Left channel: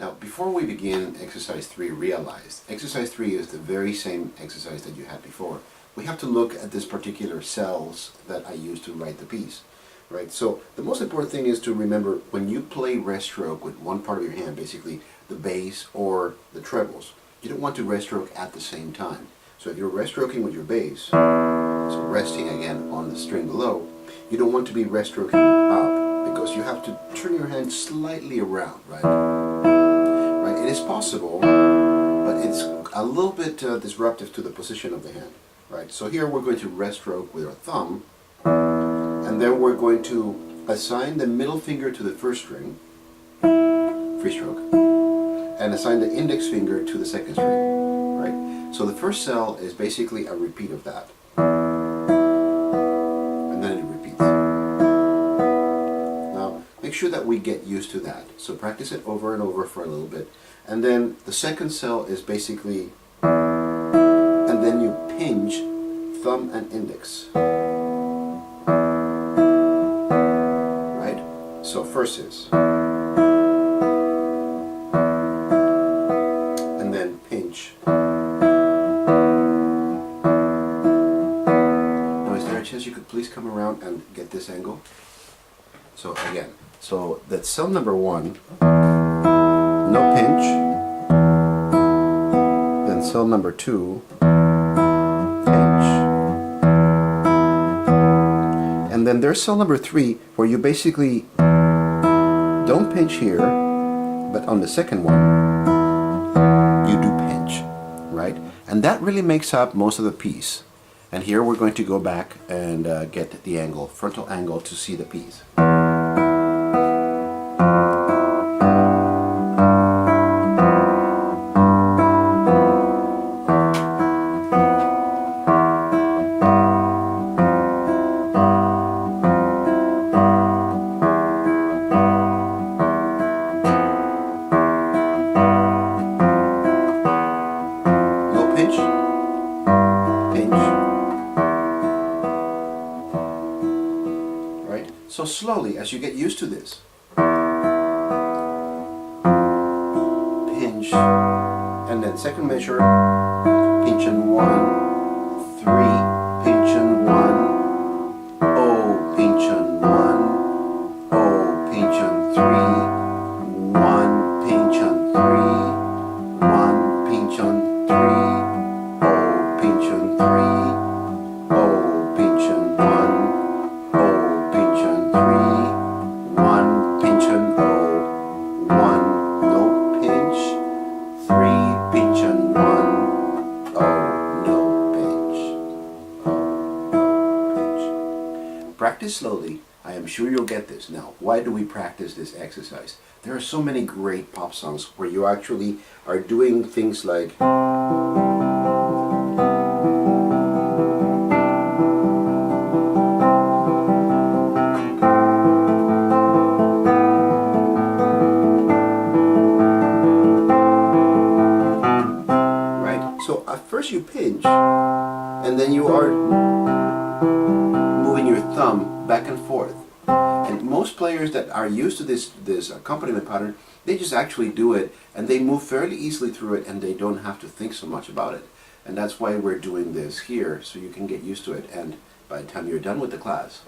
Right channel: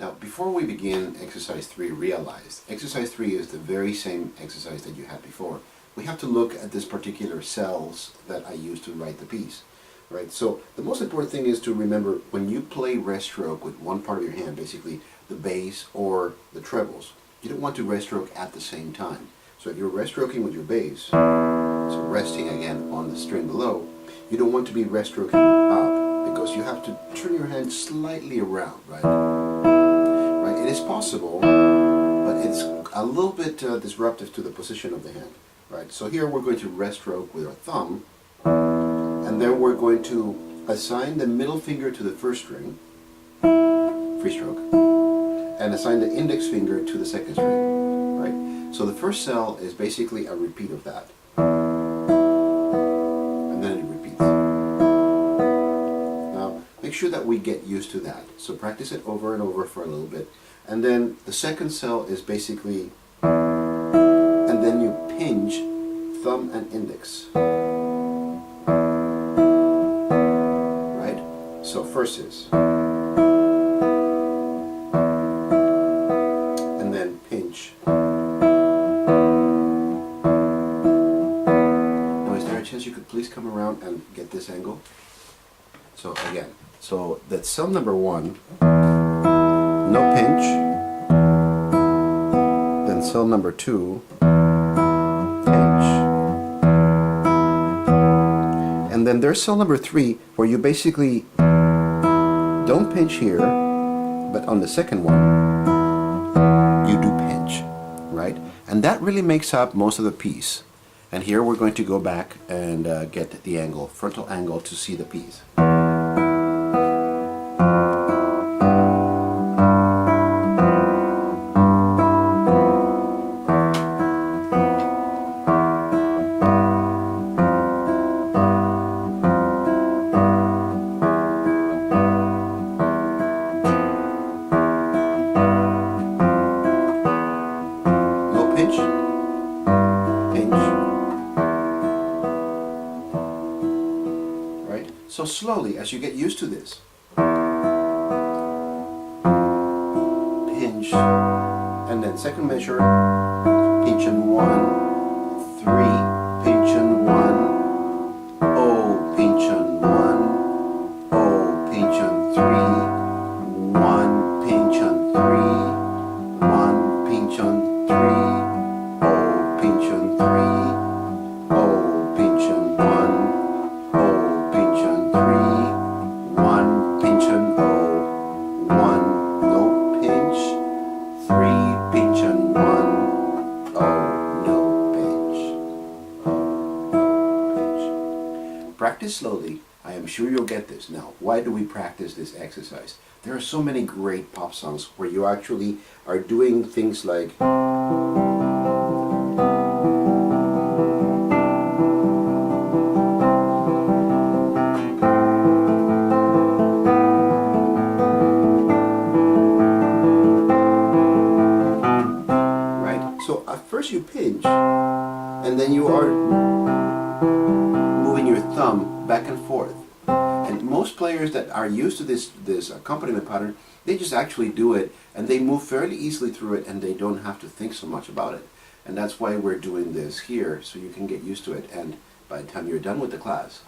Now, before we begin exercise 3, realize exercise 3 is the very same exercise that you had before. We have to look at this particular cells that I used to write the piece, right? So the most important thing is to remember when you play rest stroke with one part of your hand, basically the bass or the trebles, you don't want to rest stroke at the same time. So if you're rest stroking with your bass, so resting again on the string below, you don't want to be rest stroking up because you have to turn your hand slightly around, right? Right? It is possible, but it's a little bit disruptive to the position of the hand, right? So here we're going to rest stroke with our thumb, and then we're going to assign the middle finger to the first string, free stroke, and assign the index finger to the second string, right? So the first cell is basically a repeat of that. And then it repeats. Now, make sure that we get used to that. So practice it over and over for a little bit. And then the second cell is basically, and then you pinch thumb and index. Right? So first is, and then pinch. Now is there a chance you could please come around and get this angle? So again, so that's cell number 1, no pinch, then cell number 2, pinch, and then there's cell number 3 where you basically don't pinch here, but on the second one you do pinch, right? And that really makes up most of the piece. And here we're going to go back and get the angle, frontal angle, to see the piece. Pinch, pinch, right? So slowly, as you get used to this, pinch, and then second measure, pinch and 1, 3, pinch and 1, oh, pinch and 1, oh, pinch and 3, 1, pinch and 3, 1, pinch and 3, pinch and 3, oh, pinch and 1, oh, pinch and 3, 1, pinch and oh, 1, no pinch, 3, pinch and 1, oh, no pinch, oh, no pinch. Practice slowly. I am sure you'll get this. Now, why do we practice this exercise? There are so many great pop songs where you actually are doing things like first you pinch, and then you are moving your thumb back and forth. And most players that are used to this accompaniment pattern, they just actually do it, and they move fairly easily through it, and they don't have to think so much about it. And that's why we're doing this here, so you can get used to it. And by the time you're done with the class,